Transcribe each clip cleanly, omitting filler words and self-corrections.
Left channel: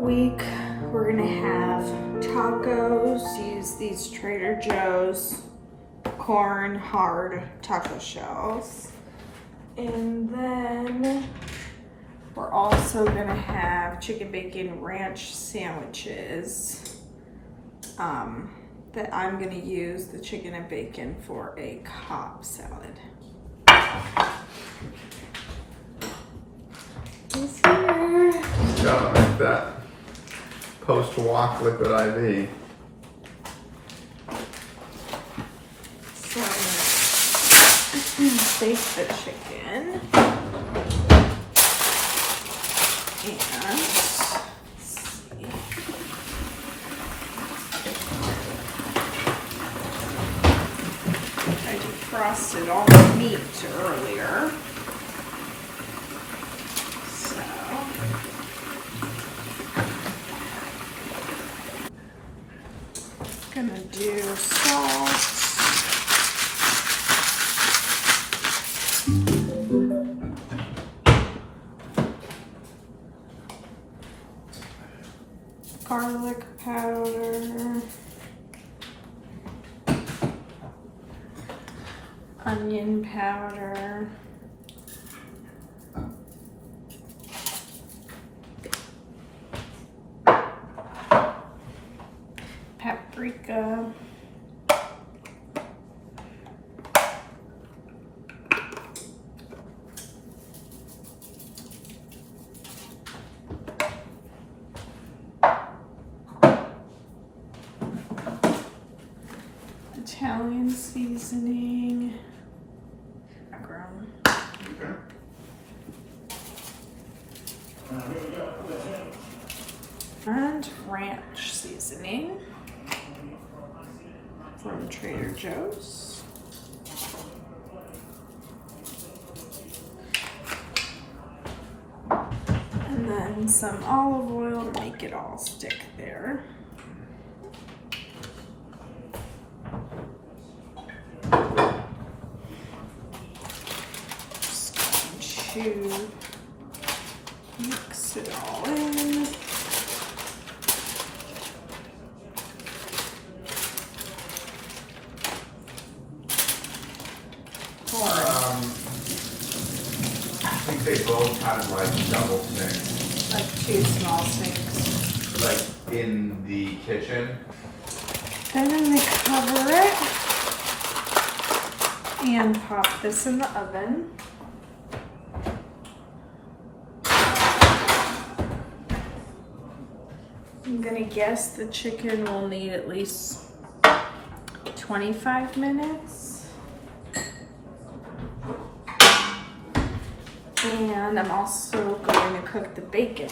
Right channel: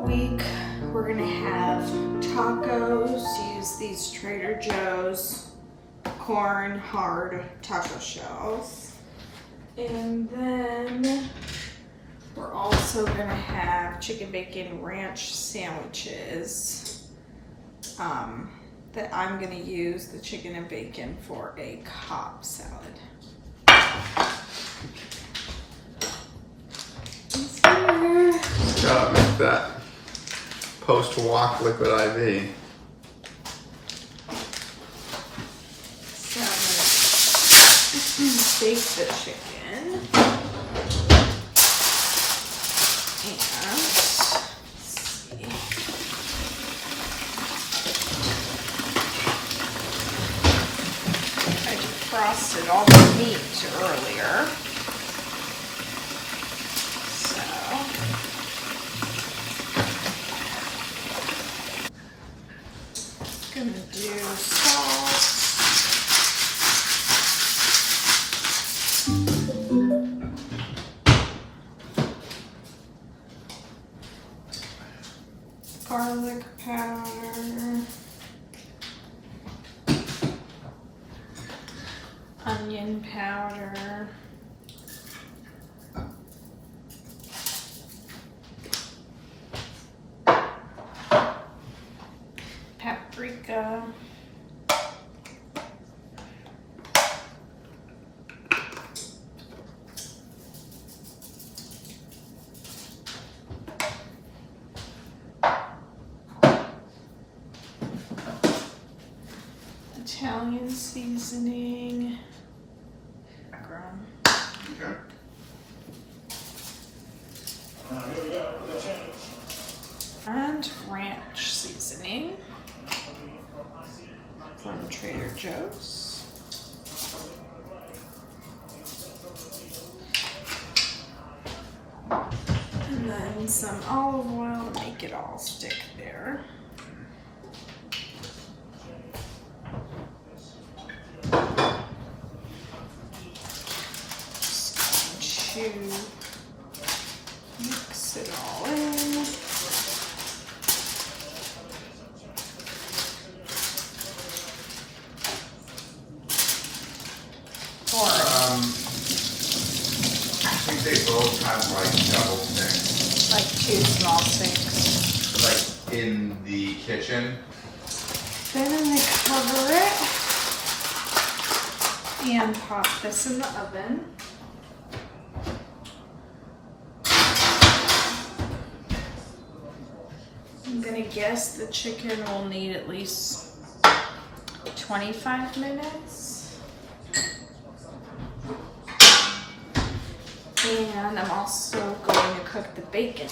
week we're gonna have tacos. Use these Trader Joe's corn hard taco shells. And then we're also gonna have chicken bacon ranch sandwiches that I'm gonna use the chicken and bacon for a Cobb salad. He's here. Gotta make that post-walk liquid IV. So bake the chicken and I defrosted all the meat earlier. Gonna do salt, garlic powder, onion powder, paprika, Italian seasoning, background, and ranch seasoning from Trader Joe's. And then some olive oil to make it all stick there. Just going to mix it all in. I think they both have like double sinks. Like 2 small sinks. Like in the kitchen. Then I'm gonna cover it and pop this in the oven. I'm gonna guess the chicken will need at least 25 minutes. And I'm also going to cook the bacon.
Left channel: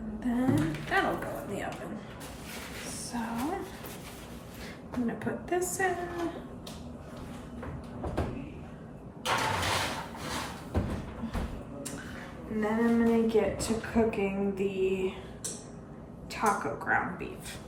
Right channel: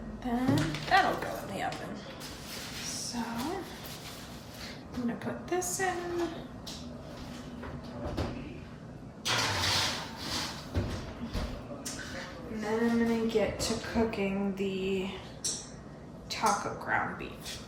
And then that'll go in the oven. So I'm gonna put this in. And then I'm gonna get to cooking the taco ground beef.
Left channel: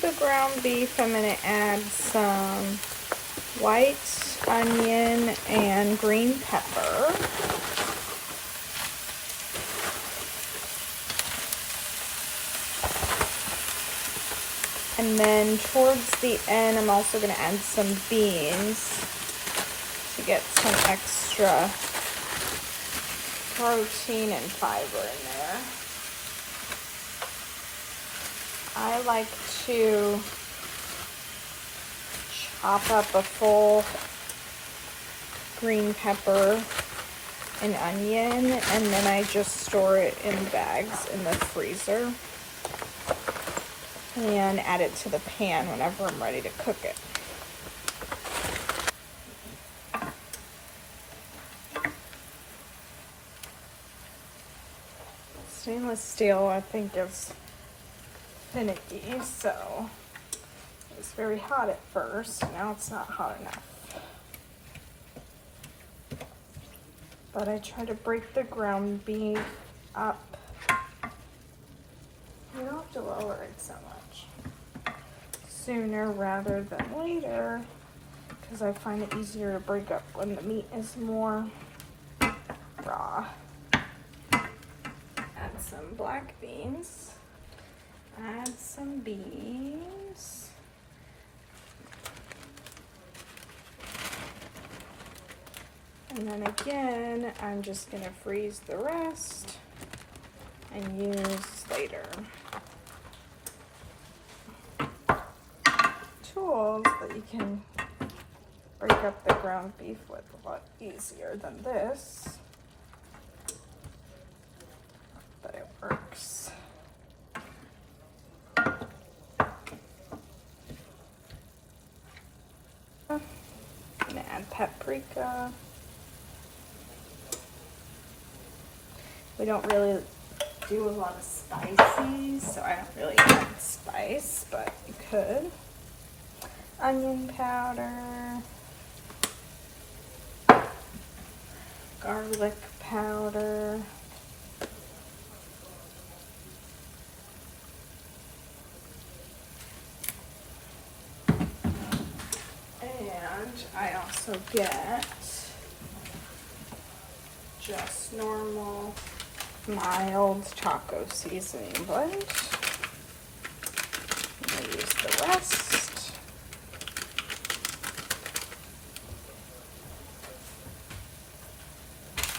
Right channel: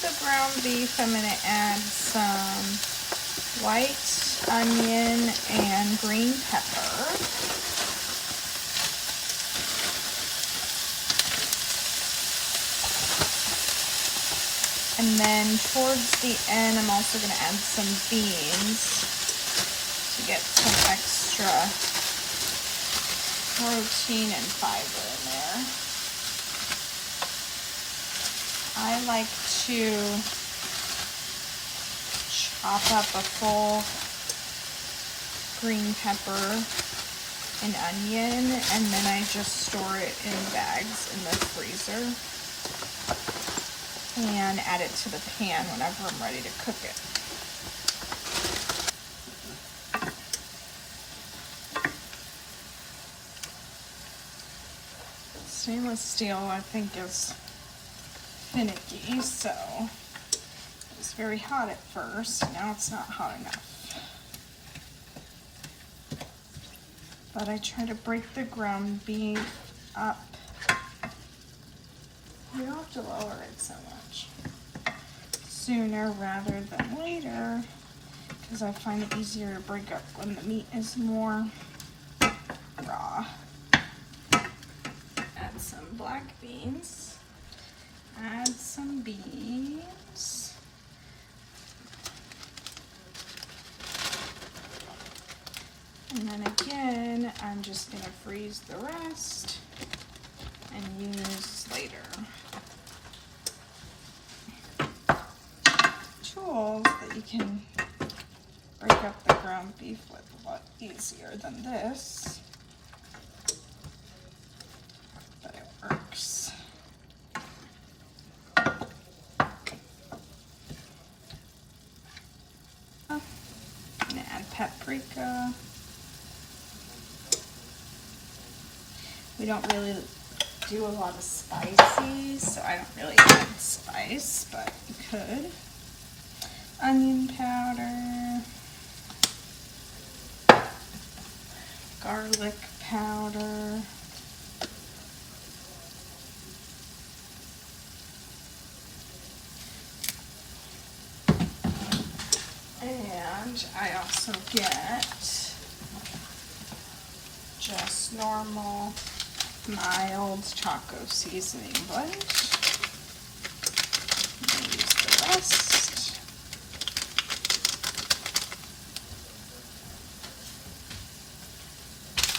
The ground beef, I'm going to add some white onion and green pepper. And then towards the end, I'm also going to add some beans to get some extra protein and fiber in there. I like to chop up a full green pepper and onion, and then I just store it in bags in the freezer and add it to the pan whenever I'm ready to cook it. Stainless steel, I think, is finicky, so it was very hot at first. Now it's not hot enough. But I try to break the ground beef up. You don't have to lower it so much. Sooner rather than later, because I find it easier to break up when the meat is more raw. Add some black beans. Add some beans. And then again, I'm just gonna freeze the rest and use later. Tools that you can break up the ground beef with a lot easier than this, but it works. I'm gonna add paprika. We don't really do a lot of spices, so I don't really add spice, but you could. Onion powder, garlic powder, and I also get just normal mild taco seasoning blend. I'll use the rest.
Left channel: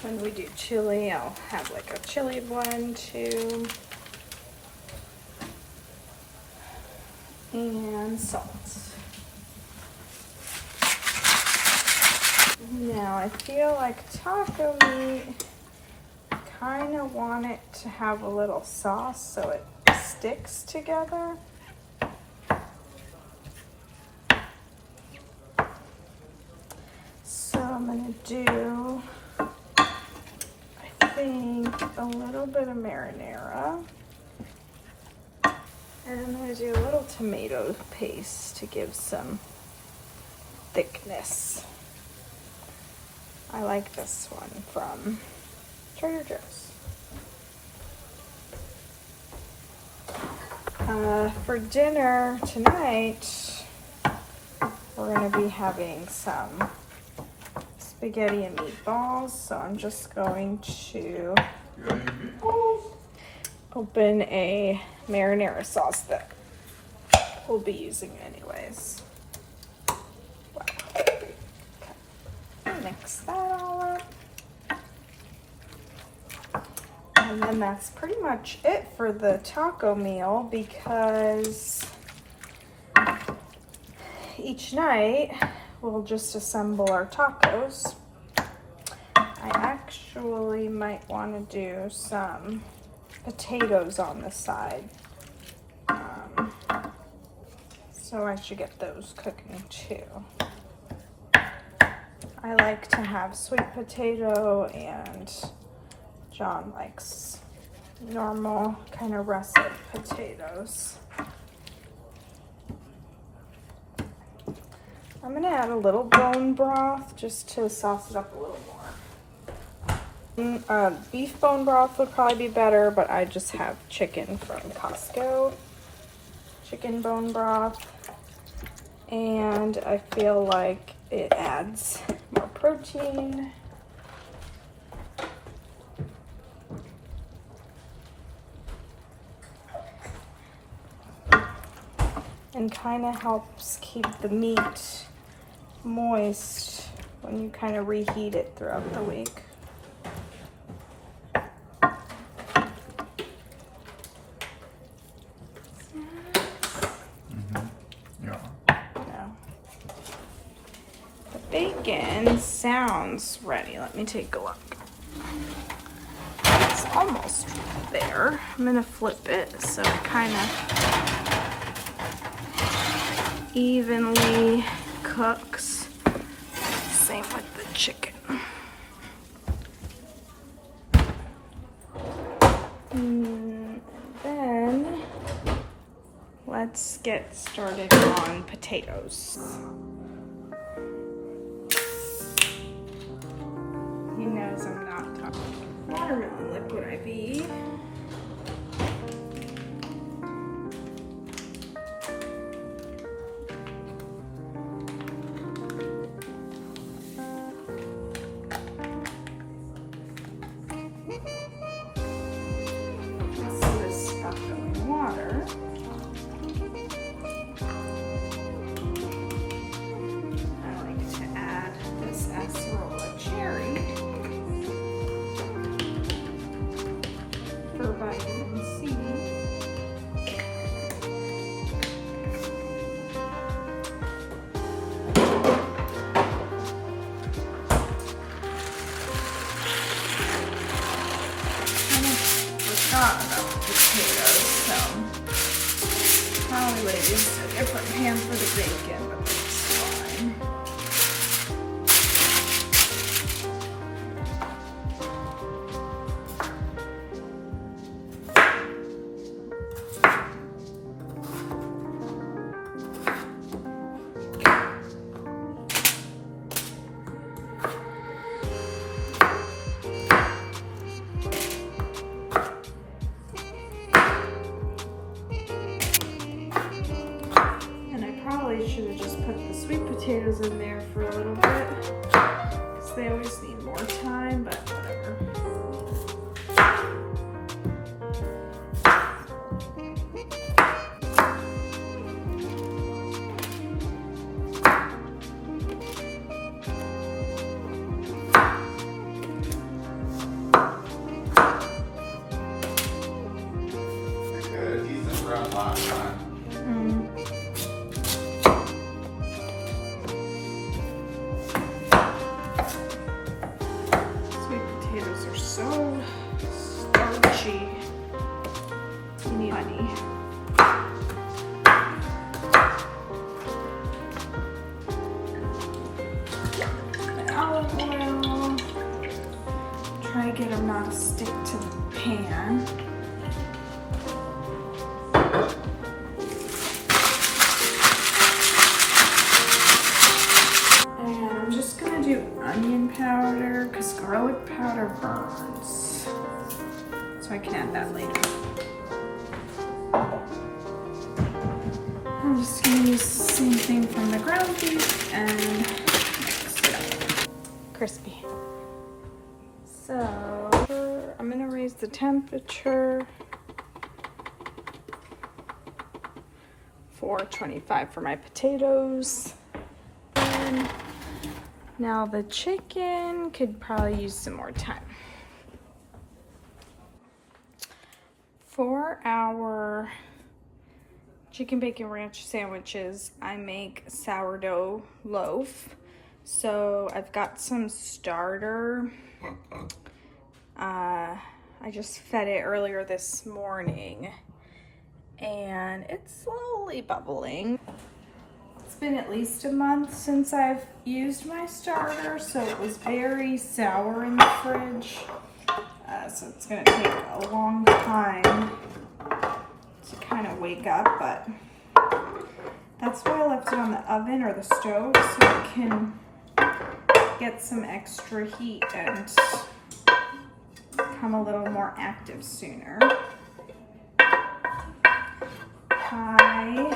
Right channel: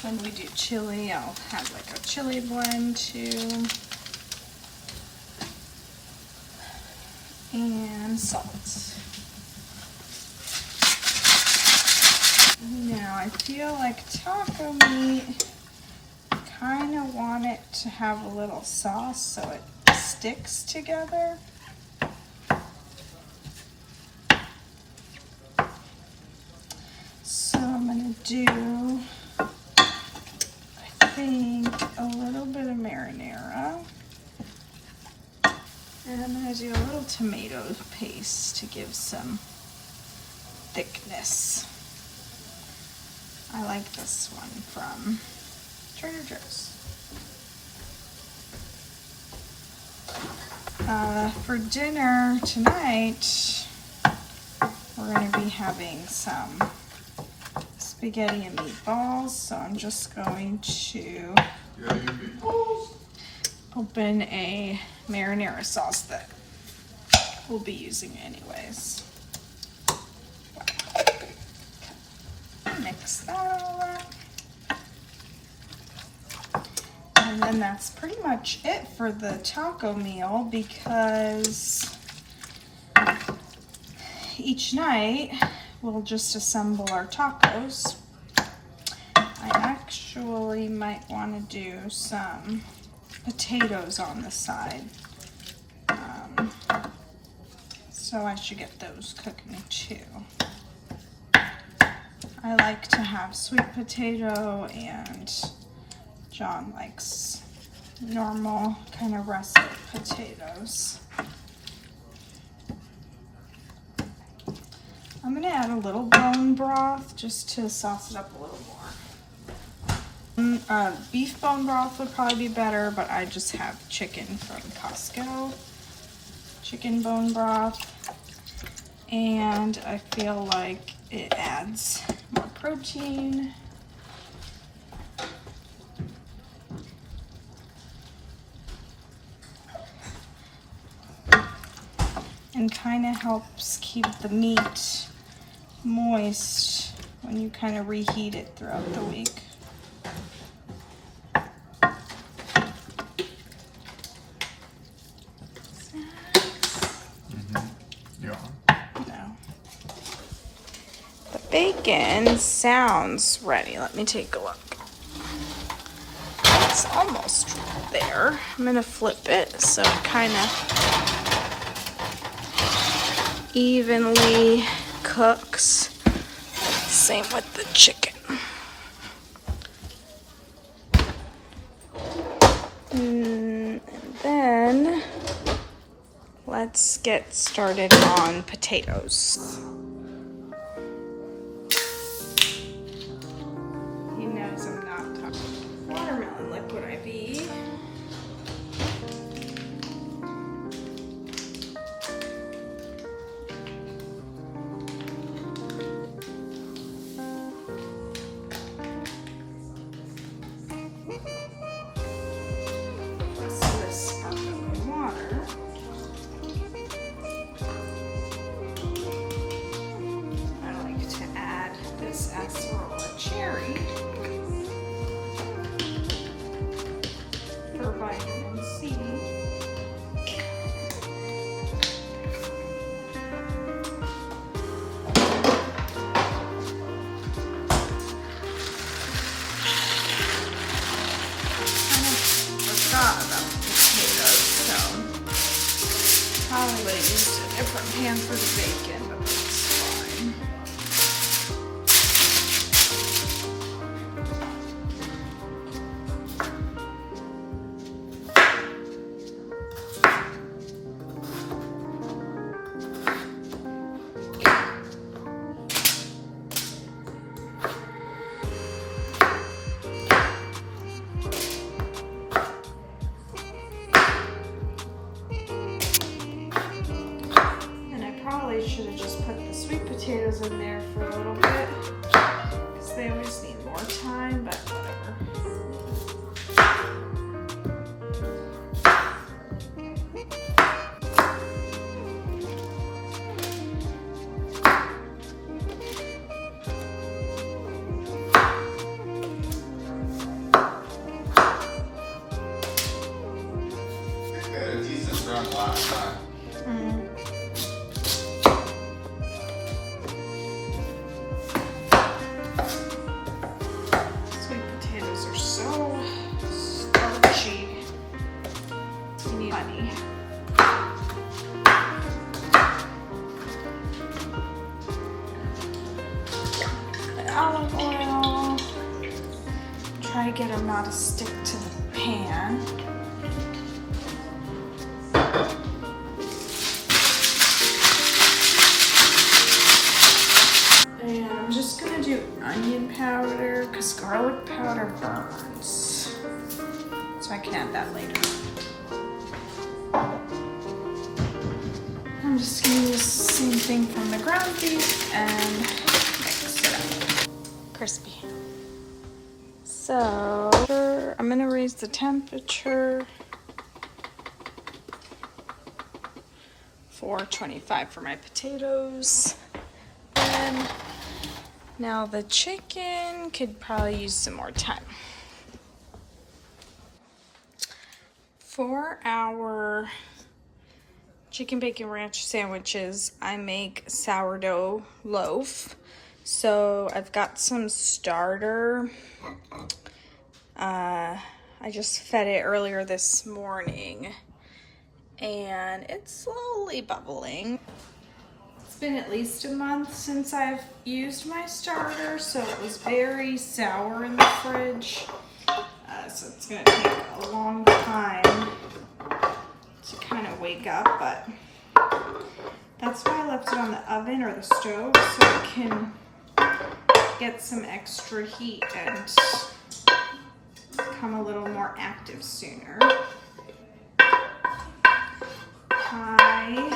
When we do chili, I'll have like a chili blend too. And salt. Now I feel like taco meat, kind of want it to have a little sauce so it sticks together. So I'm gonna do, I think, a little bit of marinara. And I'm gonna do a little tomato paste to give some thickness. I like this one from Trader Joe's. For dinner tonight, we're gonna be having some spaghetti and meatballs, so I'm just going to open a marinara sauce that we'll be using anyways. Wow. Okay. Mix that all up. And then that's pretty much it for the taco meal, because each night we'll just assemble our tacos. I actually might want to do some potatoes on the side. So I should get those cooking too. I like to have sweet potato, and John likes normal kind of russet potatoes. I'm gonna add a little bone broth just to sauce it up a little more. Beef bone broth would probably be better, but I just have chicken from Costco. Chicken bone broth. And I feel like it adds more protein. And kind of helps keep the meat moist when you kind of reheat it throughout the week. chicken sounds ready. Let me take a look. It's almost there. I'm gonna flip it so it kind of evenly cooks. Same with the chicken. And then let's get started on potatoes. He knows I'm not talking. Watermelon liquid IV. About potatoes, so probably would have used a different pan for the bacon, but that's fine. Should have just put the sweet potatoes in there for a little bit because they always need more time, but whatever. We had a decent run last time. Olive oil. Try to get them not to stick to the pan. And I'm just gonna do onion powder because garlic powder burns. So I can add that later. I'm just gonna use the same thing from the ground beef and mix it up. Crispy. So I'm gonna raise the temperature. 425 for my potatoes. And now the chicken could probably use some more time. For our chicken bacon ranch sandwiches, I make sourdough loaf. So I've got some starter. I just fed it earlier this morning and it's slowly bubbling. It's been at least a month since I've used my starter, so it was very sour in the fridge. So it's gonna take a long time to kind of wake up, but that's why I left it on the oven or the stove so it can get some extra heat and become a little more active sooner. I'm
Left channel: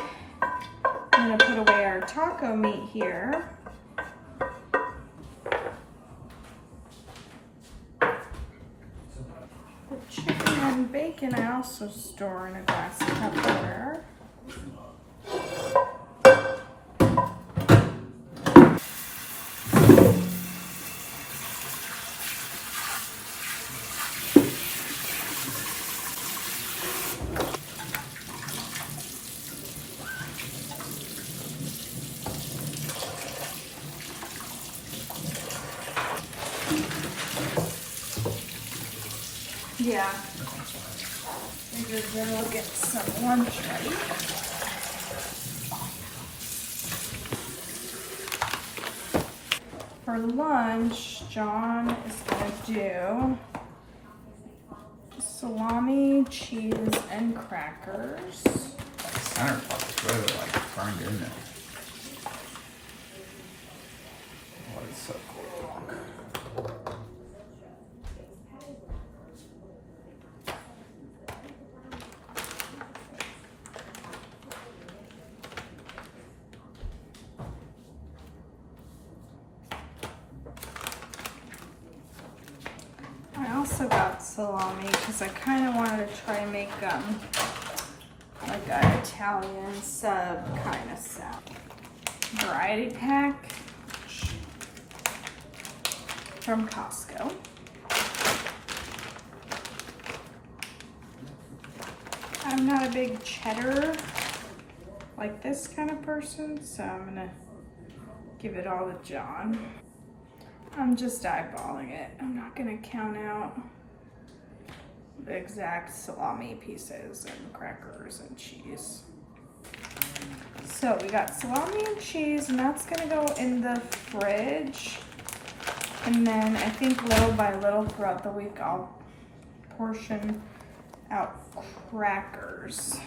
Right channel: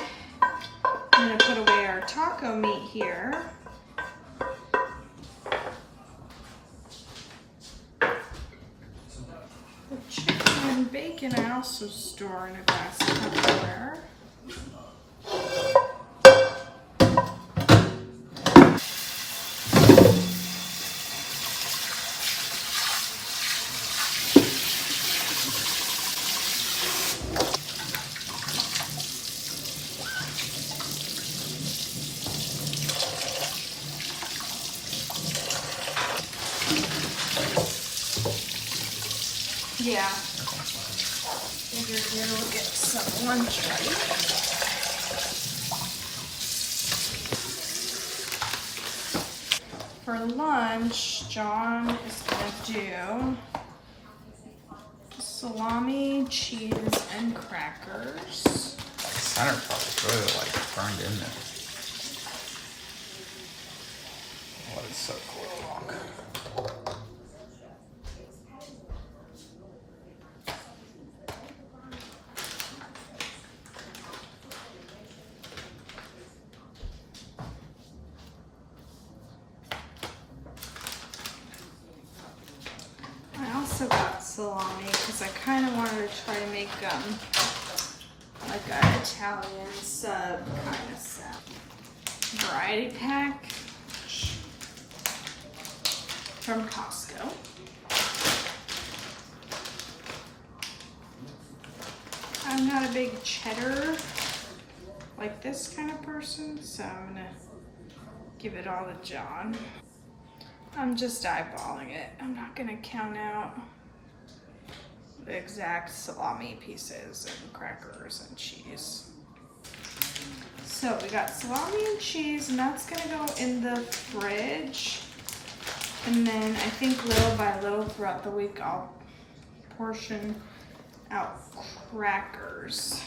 gonna put away our taco meat here. The chicken and bacon I also store in a glass Tupperware. Yeah. Figured then we'll get some lunch ready. For lunch, John is gonna do salami, cheese, and crackers. The center part is really like burned in there. Oh, it's so cool. I also got salami because I kind of wanted to try to make like an Italian sub kind of salad. Variety pack from Costco. I'm not a big cheddar like this kind of person, so I'm gonna give it all to John. I'm just eyeballing it. I'm not gonna count out the exact salami pieces and crackers and cheese. So we got salami and cheese, and that's gonna go in the fridge. And then I think little by little throughout the week, I'll portion out crackers.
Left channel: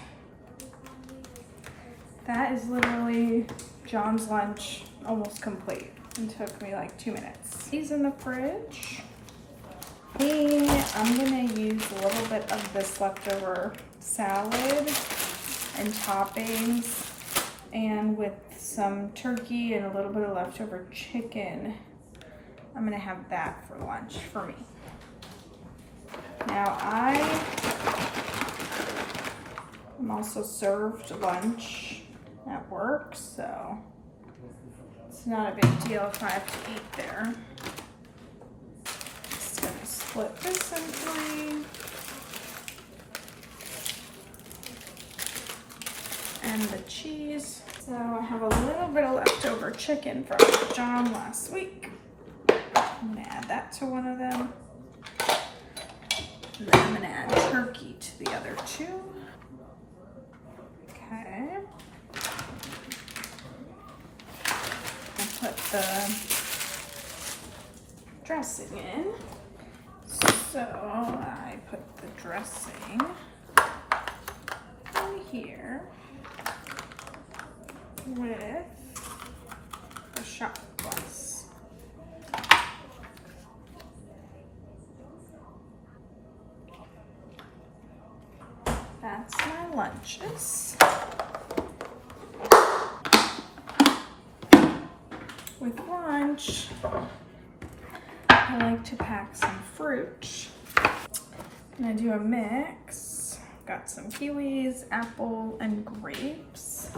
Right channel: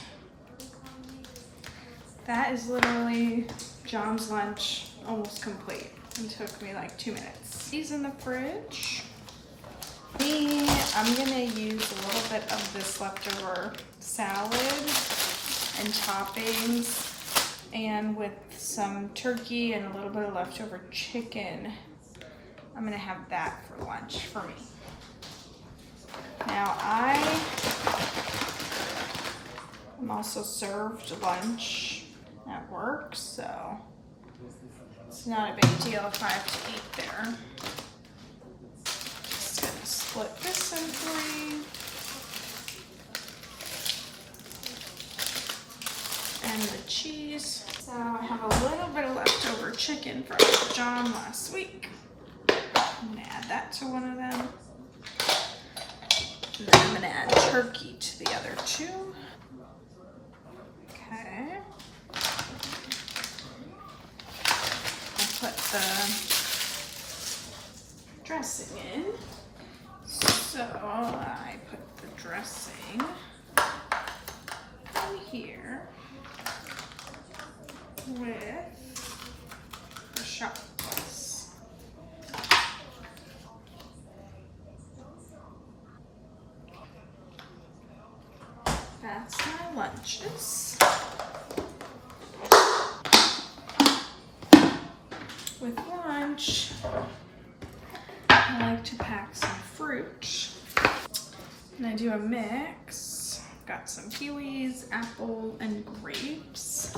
That is literally John's lunch, almost complete. It took me like 2 minutes. He's in the fridge. Me, I'm gonna use a little bit of this leftover salad and toppings, and with some turkey and a little bit of leftover chicken, I'm gonna have that for lunch for me. Now I'm also served lunch at work, so it's not a big deal if I have to eat there. Just gonna split this in 3. And the cheese. So I have a little bit of leftover chicken from John last week. I'm gonna add that to one of them. And then I'm gonna add turkey to the other 2. Okay. I'll put the dressing in. So I put the dressing in here with the shot glass. That's my lunches. With lunch, I like to pack some fruit. And I do a mix. Got some kiwis, apple, and grapes.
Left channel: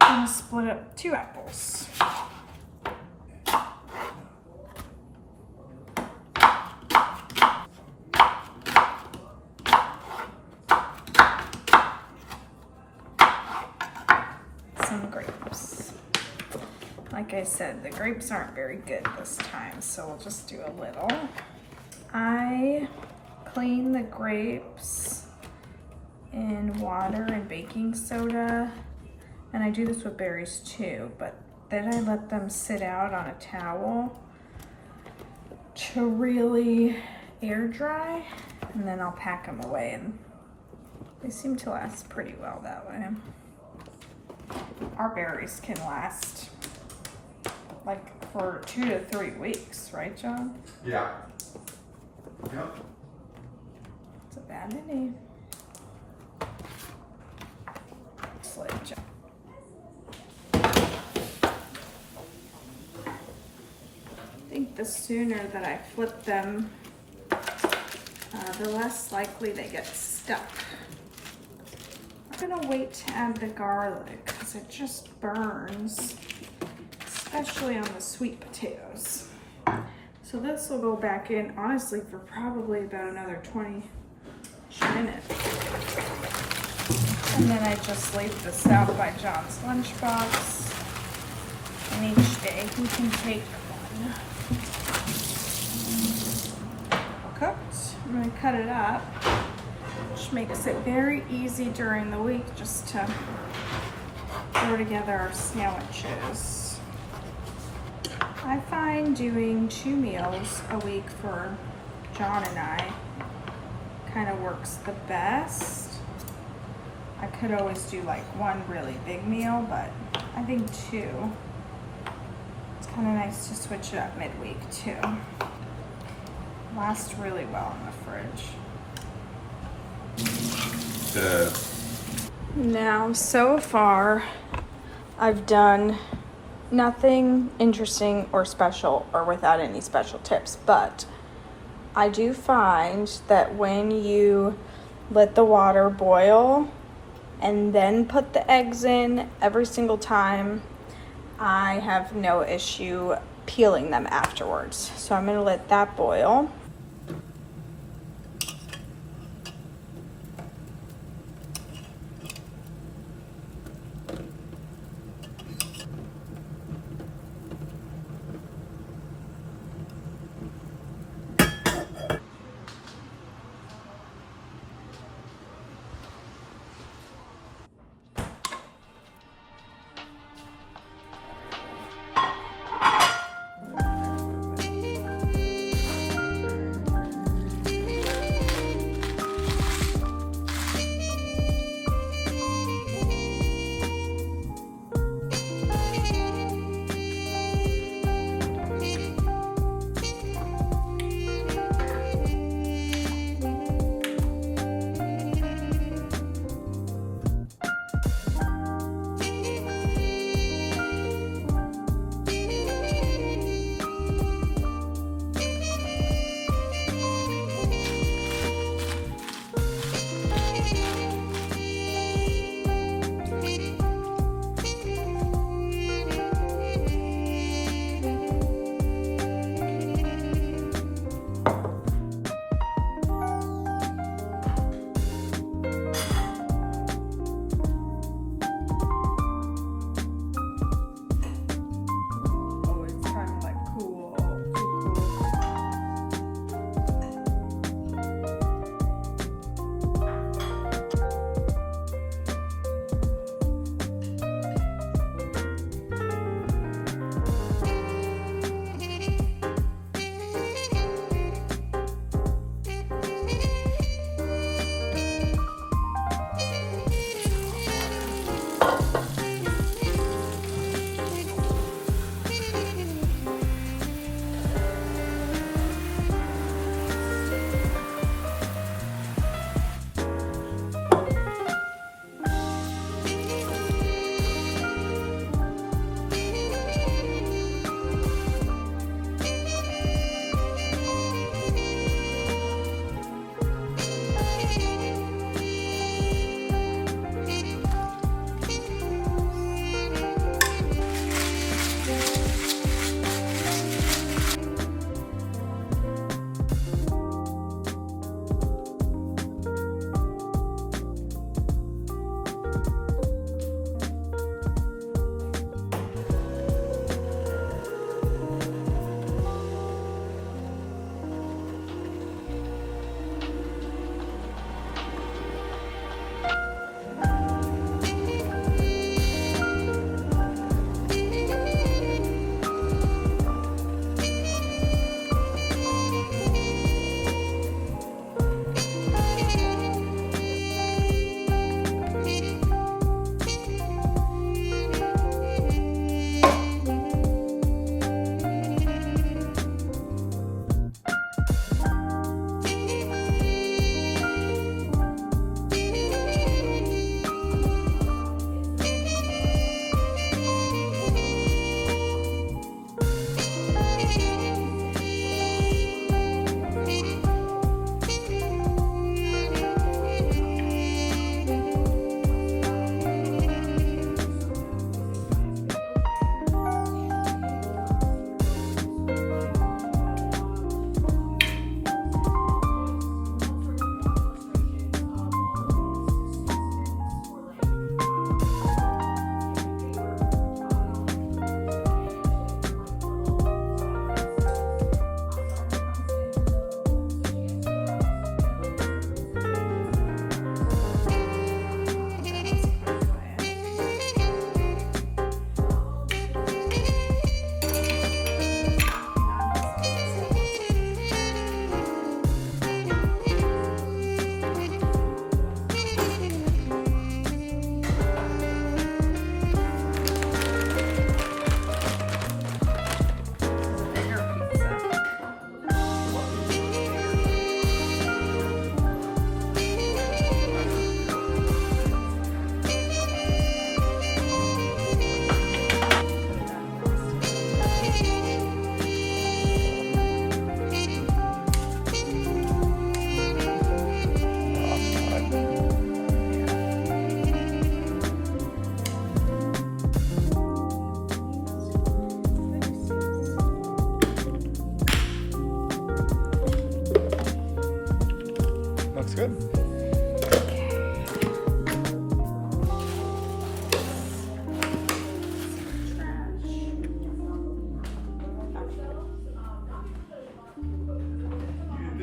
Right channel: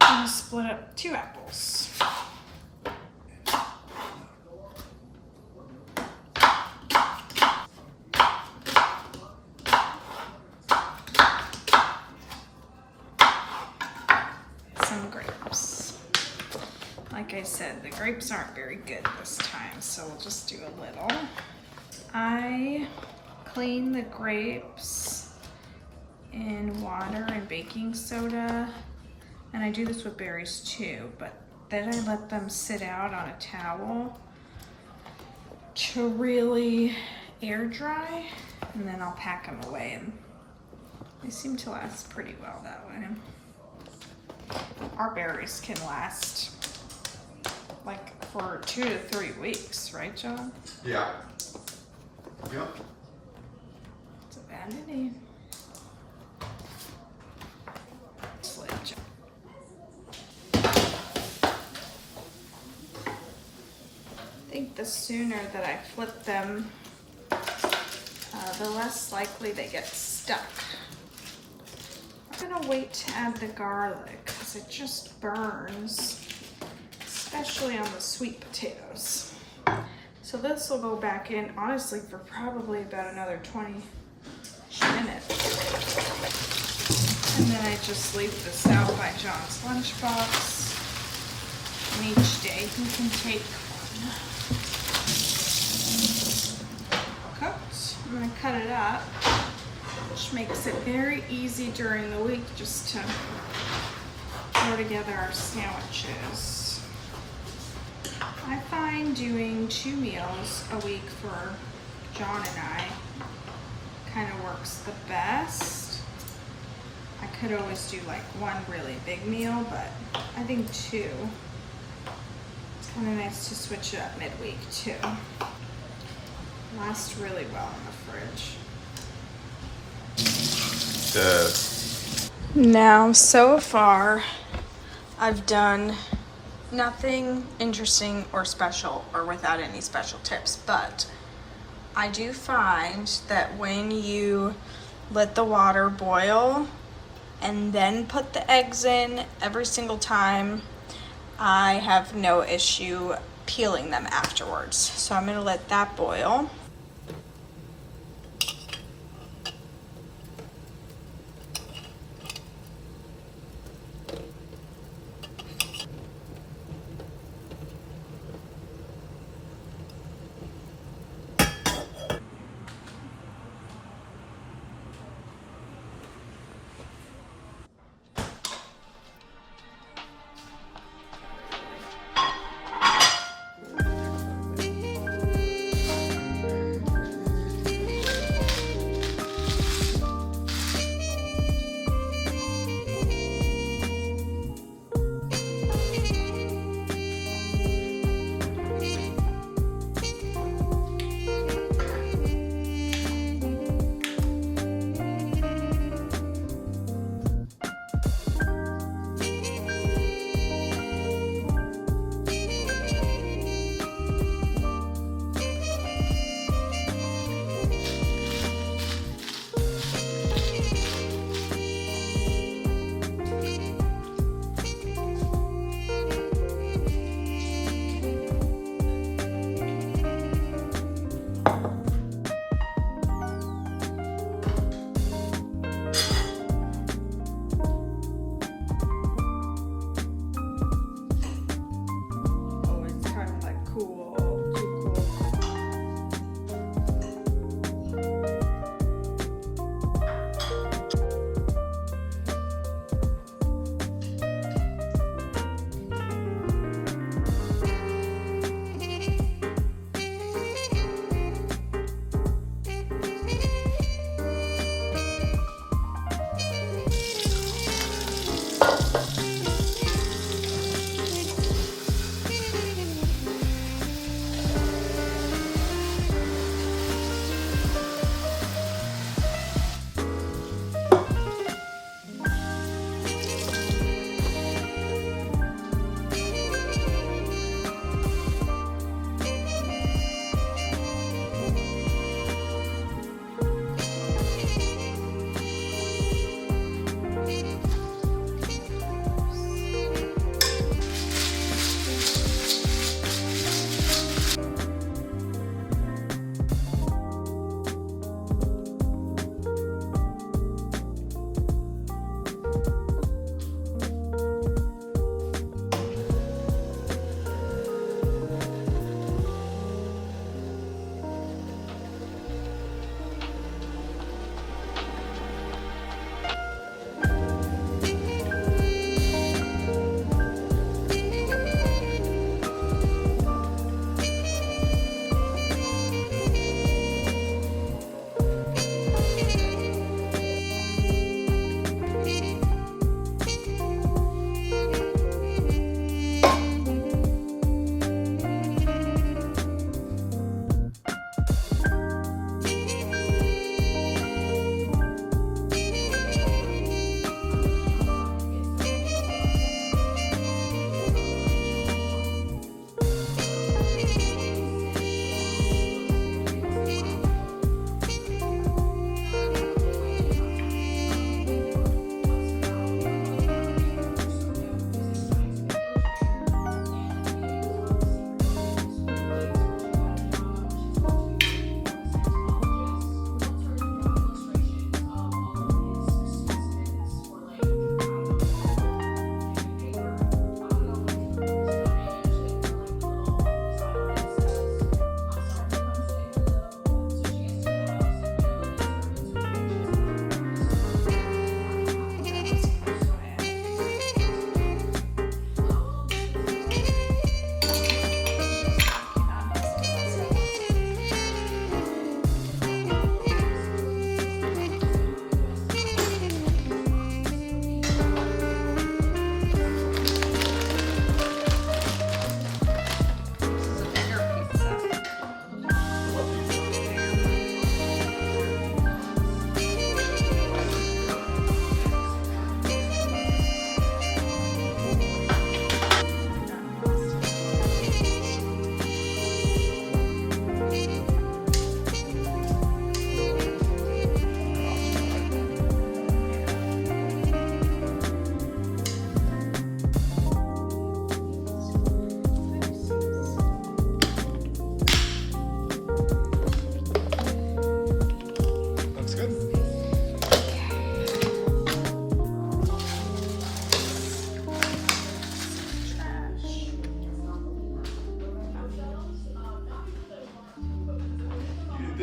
I'm gonna split up 2 apples. Some grapes. Like I said, the grapes aren't very good this time, so we'll just do a little. I clean the grapes in water and baking soda. And I do this with berries too, but then I let them sit out on a towel to really air dry, and then I'll pack them away, and they seem to last pretty well that way. Our berries can last like for 2 to 3 weeks, right, John? Yeah. Yep. It's a vanity. Slid, John. I think the sooner that I flip them, the less likely they get stuck. I'm gonna wait to add the garlic because it just burns, especially on the sweet potatoes. So this will go back in, honestly, for probably about another 20 minutes. And then I just leave this out by John's lunchbox. And each day he can take one. Cooked. I'm gonna cut it up, which makes it very easy during the week just to throw together our sandwiches. I find doing 2 meals a week for John and I kind of works the best. I could always do like one really big meal, but I think 2. It's kind of nice to switch it up midweek too. Lasts really well in the fridge. Now, so far, I've done nothing interesting or special or without any special tips, but I do find that when you let the water boil and then put the eggs in every single time, I have no issue peeling them afterwards. So I'm gonna let that boil.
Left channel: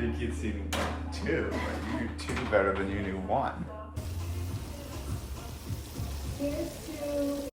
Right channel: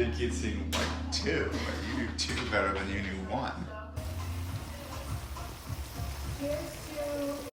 think you'd see like 2, but you do 2 better than you do 1. Here's 2.